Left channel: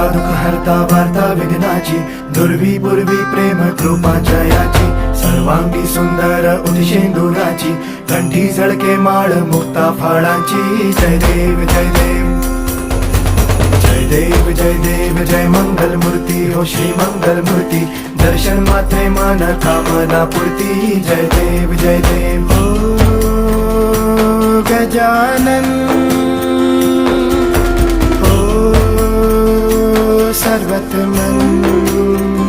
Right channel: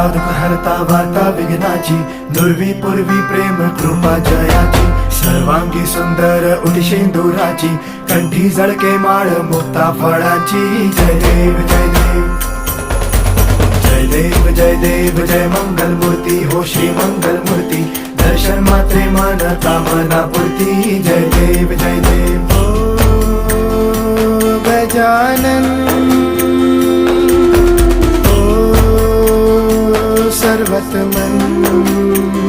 हरता दुःख हरता वार्ता विघ्नाची, दुर्वी पूर्वी प्रेम कृपा जयाची, सर्वांगी सुंदर उदिशेंदुराची, कंठी झळके माळ मुक्ता फळाची. जय देव जय देव जय देव जय देव जय मंगल मूर्ती हो श्री मंगल मूर्ती, दर्शन मात्रे मन कामना पूर्ती. जय देव जय देव ओ गजानन ओ सर्वतमन.